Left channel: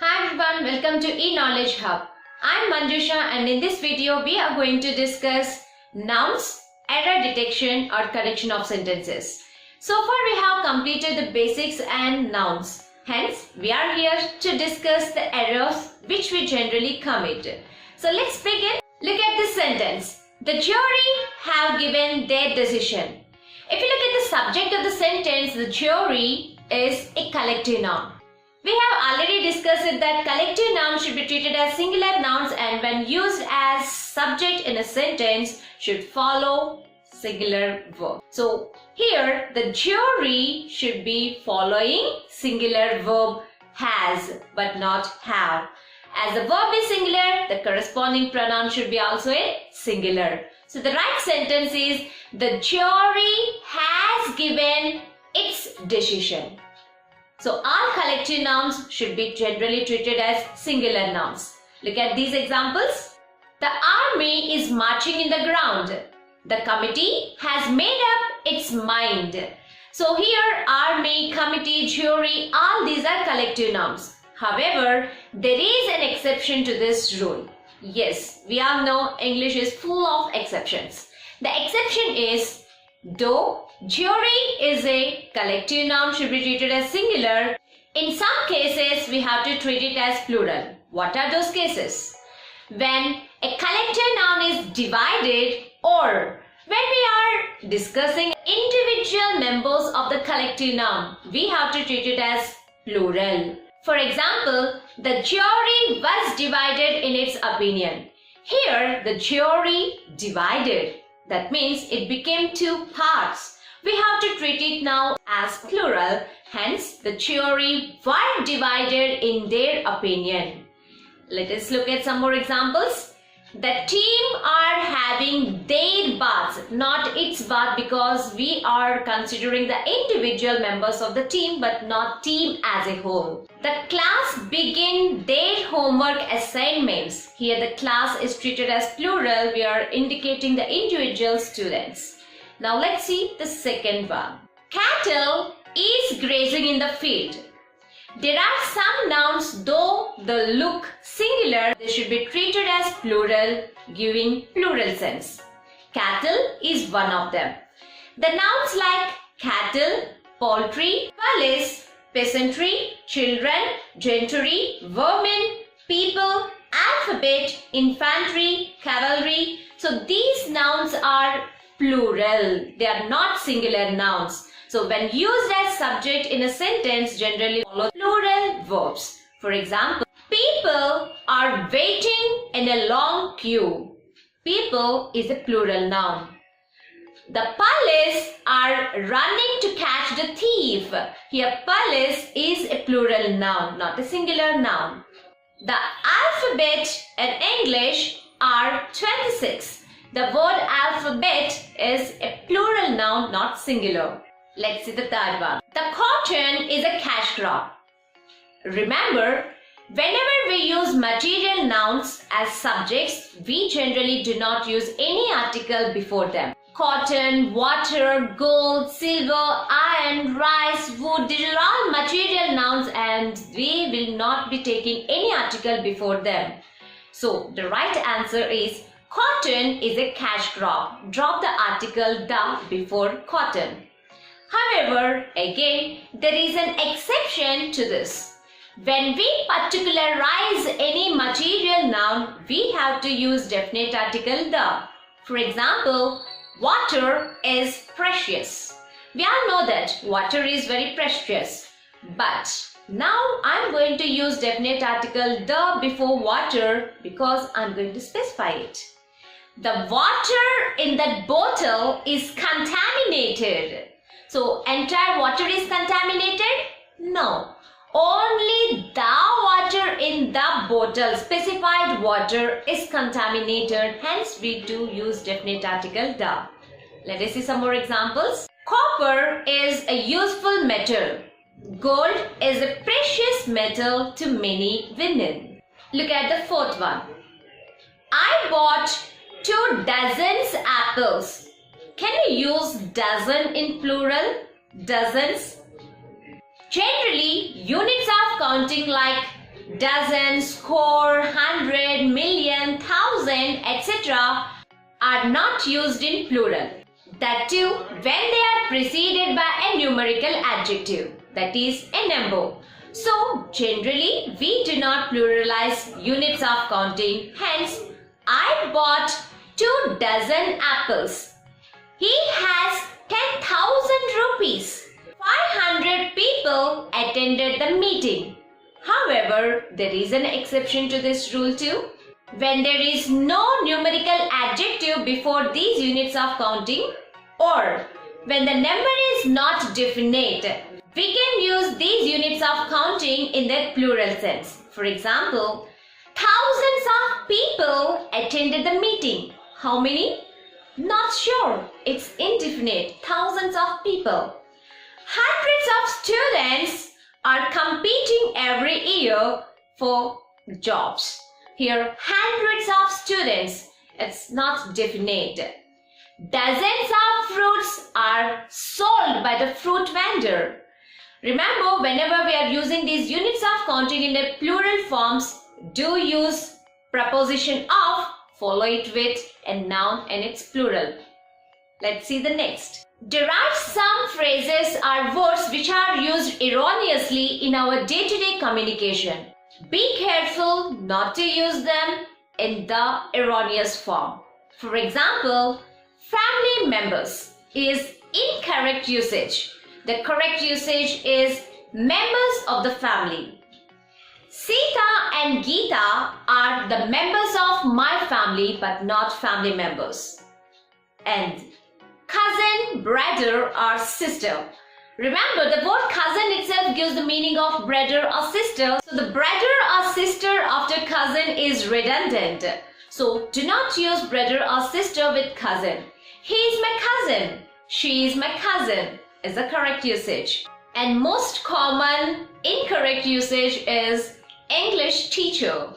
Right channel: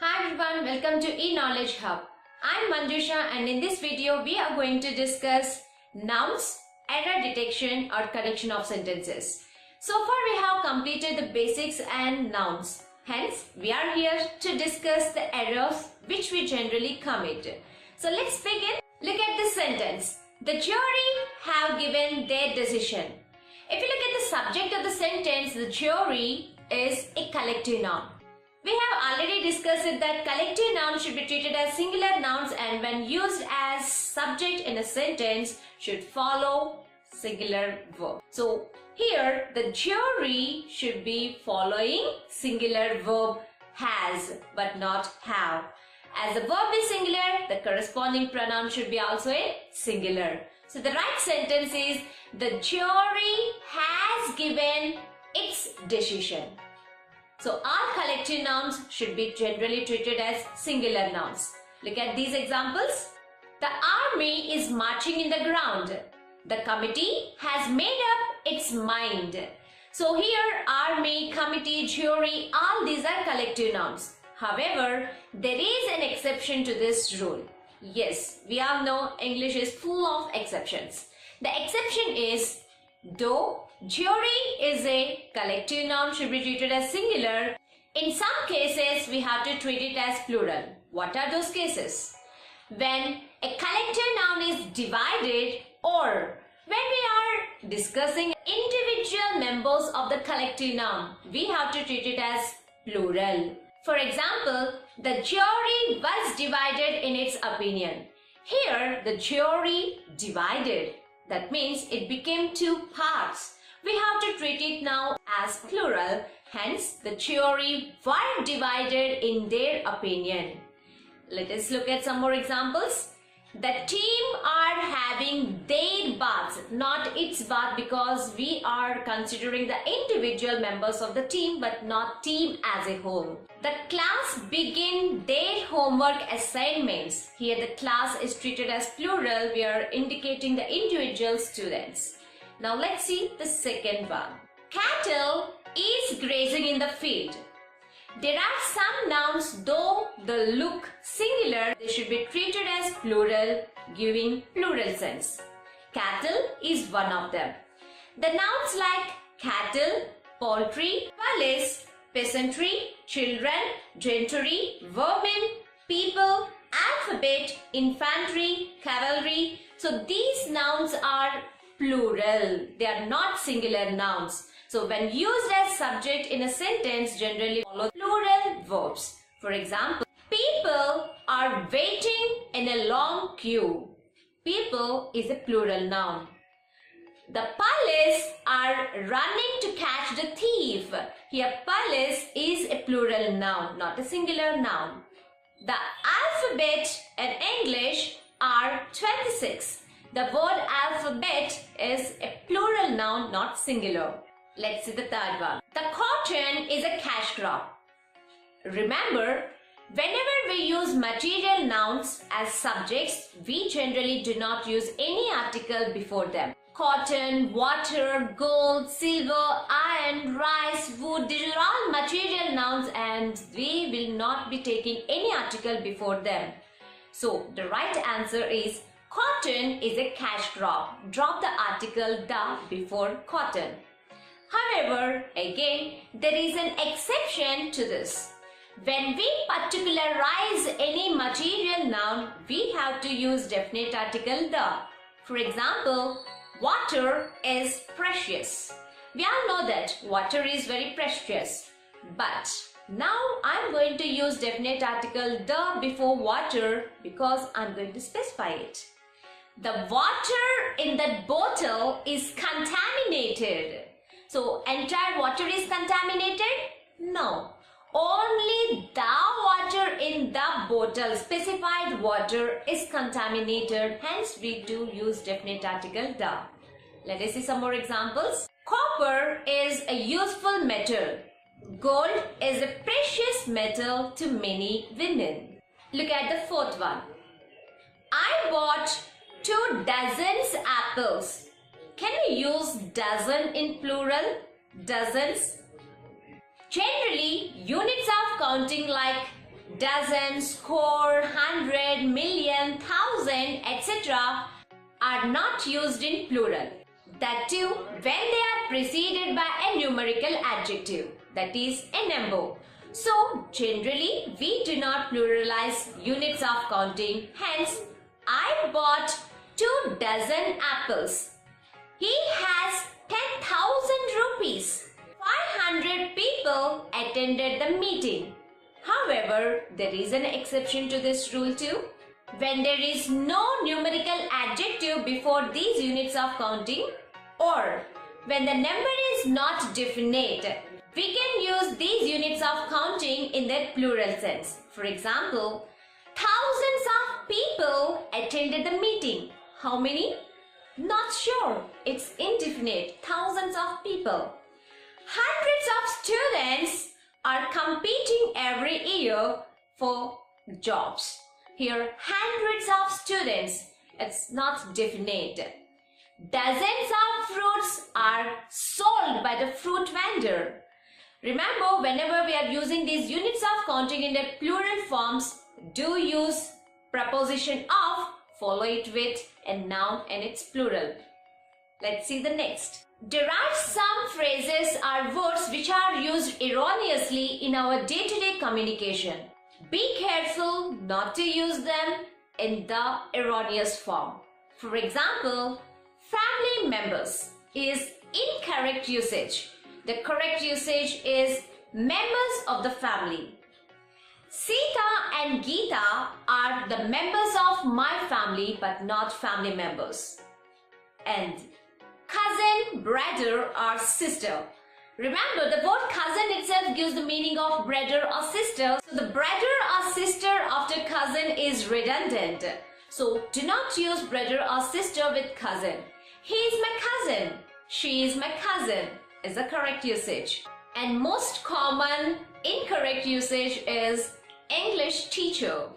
Hi everyone, welcome to eKnowledge Hub. I'm Manjusha and in this video we are going to discuss nouns, error detection or correction of sentences. So far we have completed the basics and nouns. Hence, we are here to discuss the errors which we generally commit. So let's begin. Look at this sentence. The jury have given their decision. If you look at the subject of the sentence, the jury is a collective noun. We have already discussed it that collective nouns should be treated as singular nouns and when used as subject in a sentence should follow singular verb. So here the jury should be following singular verb has but not have. As the verb is singular, the corresponding pronoun should be also a singular. So the right sentence is the jury has given its decision. So all collective nouns should be generally treated as singular nouns. Look at these examples. The army is marching in the ground. The committee has made up its mind. So here army, committee, jury, all these are collective nouns. However, there is an exception to this rule. Yes, we all know English is full of exceptions. The exception is though jury is a collective noun should be treated as singular, in some cases we have to treat it as plural. What are those cases? When a collective noun is divided or when we are discussing individual members of the collective noun, we have to treat it as plural. For example, the jury was divided in its opinion. Here the jury divided. That means it became two parts. We have to treat it now as plural. Hence, the jury were divided in their opinion. Let us look at some more examples. The team are having their baths, not its bath, because we are considering the individual members of the team but not team as a whole. The class begin their homework assignments. Here the class is treated as plural. We are indicating the individual students. Now let's see the second one. Cattle is grazing in the field. There are some nouns, though they look singular, they should be treated as plural, giving plural sense. Cattle is one of them. The nouns like cattle, poultry, police, peasantry, children, gentry, vermin, people, alphabet, infantry, cavalry. So these nouns are plural. They are not singular nouns. So when used as subject in a sentence, generally follow plural verbs. For example, people are waiting in a long queue. People is a plural noun. The police are running to catch the thief. Here police is a plural noun, not a singular noun. The alphabet in English are 26. The word alphabet is a plural noun, not singular. Let's see the third one. The cotton is a cash crop. Remember, whenever we use material nouns as subjects, we generally do not use any article before them. Cotton, water, gold, silver, iron, rice, wood, these are all material nouns and we will not be taking any article before them. So, the right answer is cotton is a cash crop. Drop the article the before cotton. However, again, there is an exception to this. When we particularize any material noun, we have to use definite article the. For example, water is precious. We all know that water is very precious. But now I'm going to use definite article the before water because I'm going to specify it. The water in that bottle is contaminated. So, entire water is contaminated? No. Only the water in the bottle, specified water is contaminated. Hence, we do use definite article the. Let us see some more examples. Copper is a useful metal. Gold is a precious metal to many women. Look at the fourth one. I bought 2 dozens apples. Can we use dozen in plural? Dozens. Generally, units of counting like dozen, score, hundred, million, thousand, etc. are not used in plural. That too when they are preceded by a numerical adjective, that is a number. So generally we do not pluralize units of counting. Hence, I bought 2 dozen apples. He has 10,000 rupees. 500 people attended the meeting. However, there is an exception to this rule too. When there is no numerical adjective before these units of counting, or when the number is not definite, we can use these units of counting in their plural sense. For example, thousands of people attended the meeting. How many? Not sure. It's indefinite. Thousands of people. Hundreds of students are competing every year for jobs. Here, hundreds of students. It's not definite. Dozens of fruits are sold by the fruit vendor. Remember, whenever we are using these units of counting in the plural forms, do use preposition of, follow it with a noun and its plural. Let's see the next. Derived sum phrases are words which are used erroneously in our day-to-day communication. Be careful not to use them in the erroneous form. For example, family members is incorrect usage. The correct usage is members of the family. Sita and Geeta are the members of my family but not family members. And cousin, brother or sister. Remember, the word cousin itself gives the meaning of brother or sister. So the brother or sister after cousin is redundant. So do not use brother or sister with cousin. He is my cousin. She is my cousin is the correct usage. And most common incorrect usage is English teacher.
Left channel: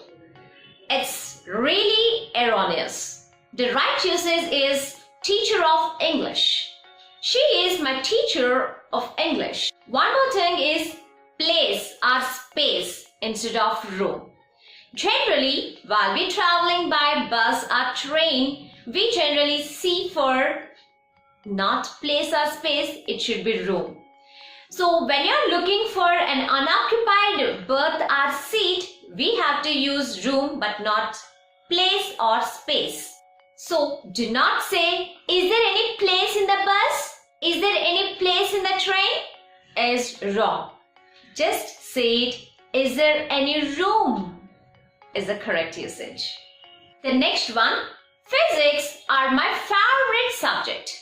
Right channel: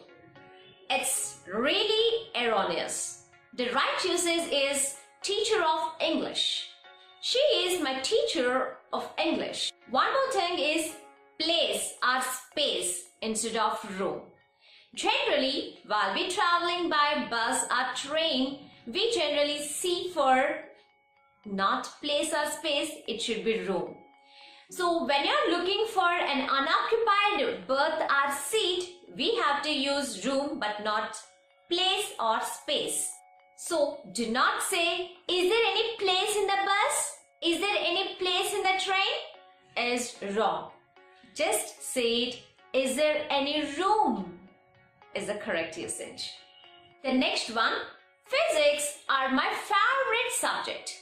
It's really erroneous. The right usage is teacher of English. She is my teacher of English. One more thing is place or space instead of room. Generally, while we traveling by bus or train, we generally see for not place or space, it should be room. So when you are looking for an unoccupied berth or seat, we have to use room but not place or space. So do not say, is there any place in the bus? Is there any place in the train? Is wrong. Just say it, is there any room? Is the correct usage. The next one, physics are my favorite subject.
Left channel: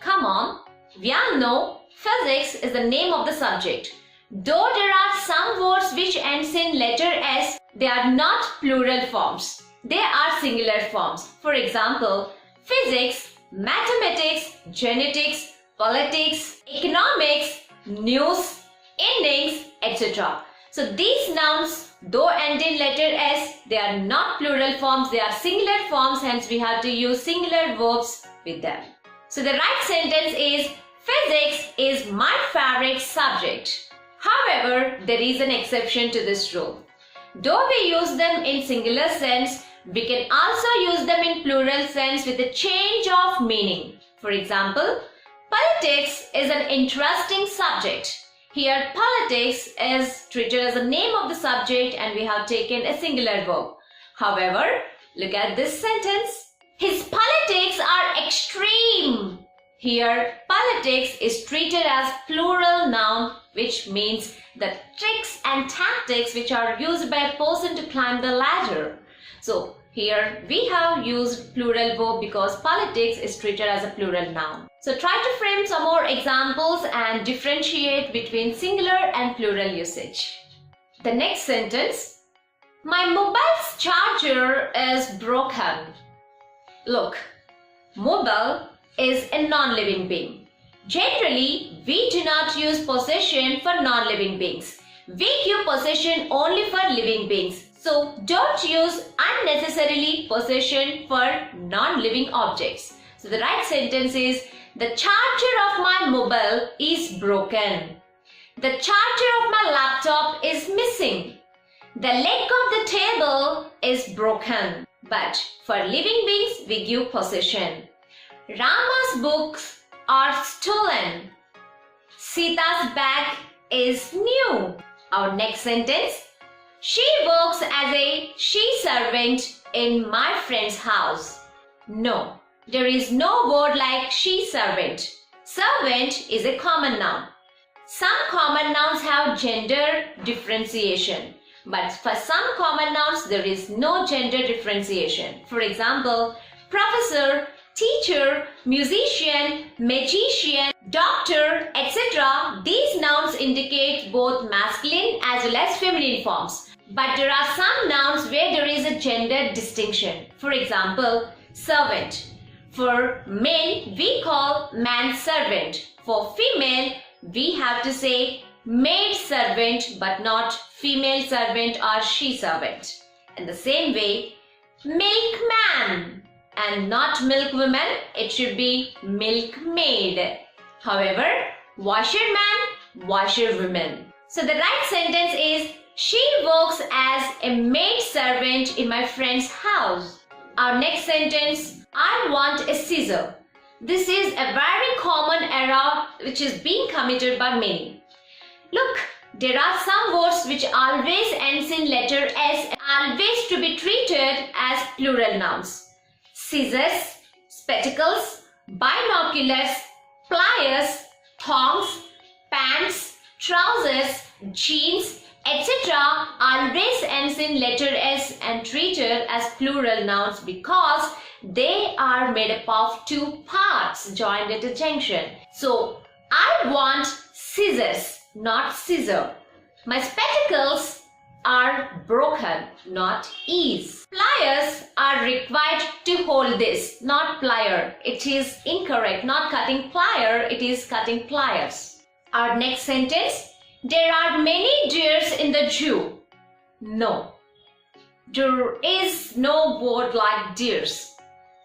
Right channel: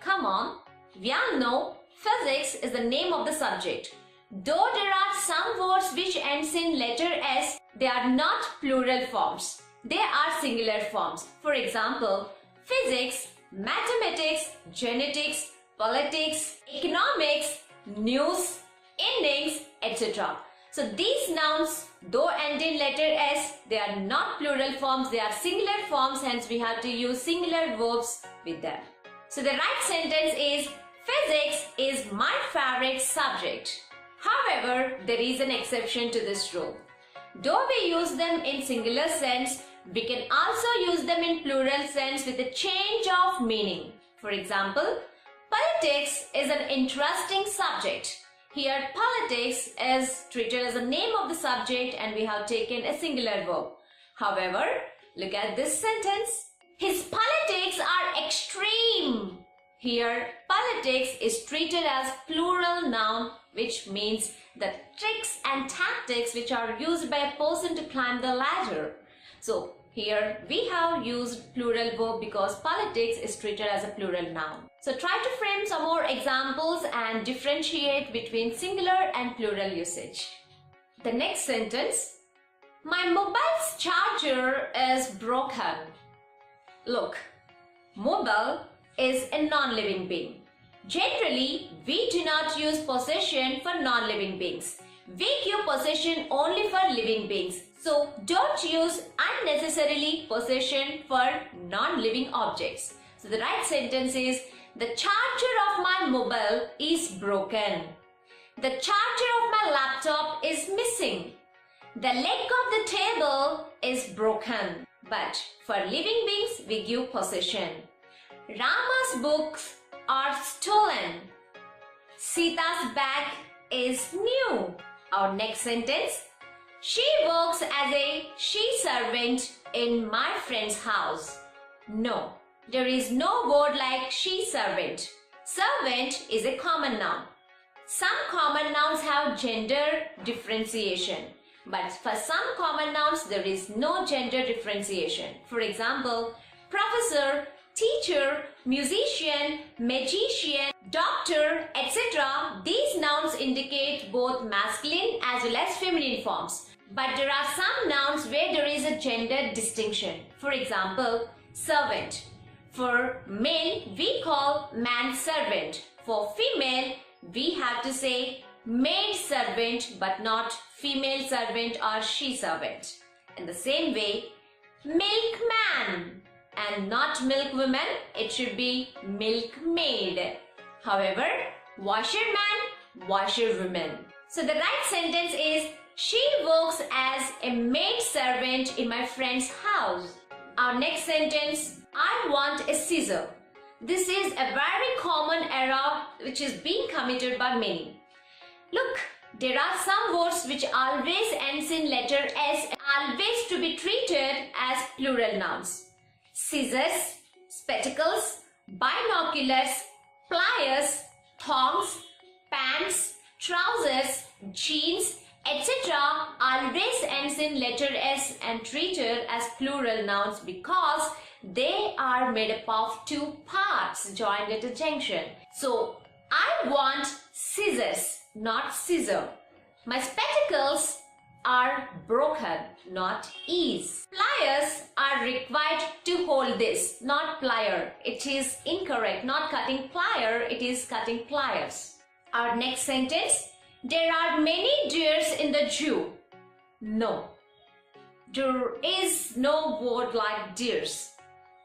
Come on, we all know physics is the name of the subject. Though there are some words which ends in letter S, they are not plural forms. They are singular forms. For example, physics, mathematics, genetics, politics, economics, news, endings, etc. So these nouns, though end in letter S, they are not plural forms, they are singular forms, hence we have to use singular verbs with them. So the right sentence is, physics is my favorite subject. However, there is an exception to this rule. Though we use them in singular sense, we can also use them in plural sense with a change of meaning. For example, politics is an interesting subject. Here, politics is treated as the name of the subject and we have taken a singular verb. However, look at this sentence. His politics are extreme. Here, politics is treated as plural noun, which means the tricks and tactics which are used by a person to climb the ladder. So here we have used plural verb because politics is treated as a plural noun. So try to frame some more examples and differentiate between singular and plural usage. The next sentence, my mobile's charger is broken. Look, mobile is a non-living being. Generally, we do not use possession for non-living beings. We give possession only for living beings. So don't use unnecessarily possession for non-living objects. So the right sentence is, the charger of my mobile is broken. The charger of my laptop is missing. The leg of the table is broken, but for living beings we give possession. Rama's books are stolen. Sita's bag is new. Our next sentence. She works as a she-servant in my friend's house. No, there is no word like she-servant. Servant is a common noun. Some common nouns have gender differentiation, but for some common nouns there is no gender differentiation. For example, professor, teacher, musician, magician, doctor, etc. These nouns indicate both masculine as well as feminine forms. But there are some nouns where there is a gender distinction. For example, servant. For men, we call man servant. For female, we have to say maid servant but not female servant or she servant. In the same way, milkman and not milkwoman, it should be milkmaid. However, washerman, washerwoman. So the right sentence is, she works as a maid servant in my friend's house. Our next sentence, I want a scissor. This is a very common error which is being committed by many. Look, there are some words which always ends in letter S, always to be treated as plural nouns. Scissors, spectacles, binoculars, pliers, thongs, pants, trousers, jeans, etc. always ends in letter S and treated as plural nouns because they are made up of two parts joined at a junction. So, I want scissors, not scissor. My spectacles are broken, not is. Pliers are required to hold this, not plier. It is incorrect, not cutting plier, it is cutting pliers. Our next sentence, there are many deers in the zoo. No, there is no word like deers.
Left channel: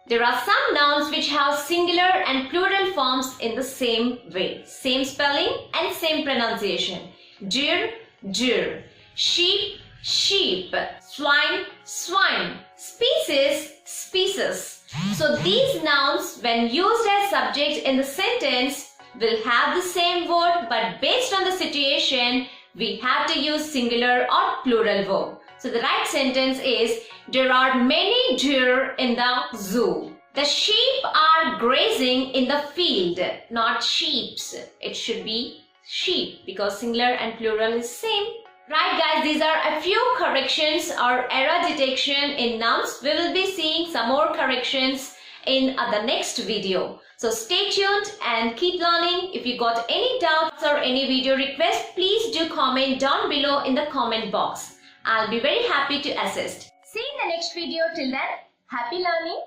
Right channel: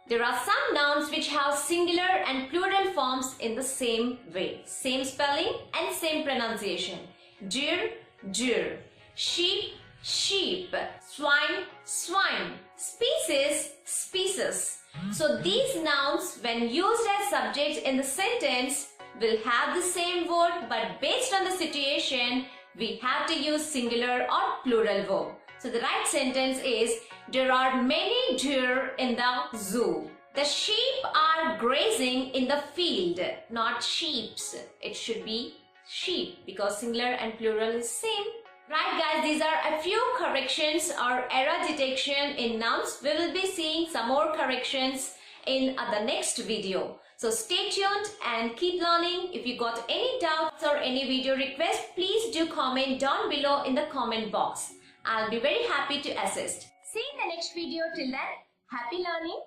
There are some nouns which have singular and plural forms in the same way, same spelling and same pronunciation. Deer, deer. Sheep, sheep. Swine, swine. Species, species. So these nouns, when used as subject in the sentence, will have the same word, but based on the situation, we have to use singular or plural verb. So the right sentence is, there are many deer in the zoo. The sheep are grazing in the field, not sheeps. It should be sheep because singular and plural is same. Right guys, these are a few corrections or error detection in nouns. We will be seeing some more corrections in the next video. So stay tuned and keep learning. If you got any doubts or any video request, please do comment down below in the comment box. I'll be very happy to assist. See you in the next video. Till then, happy learning.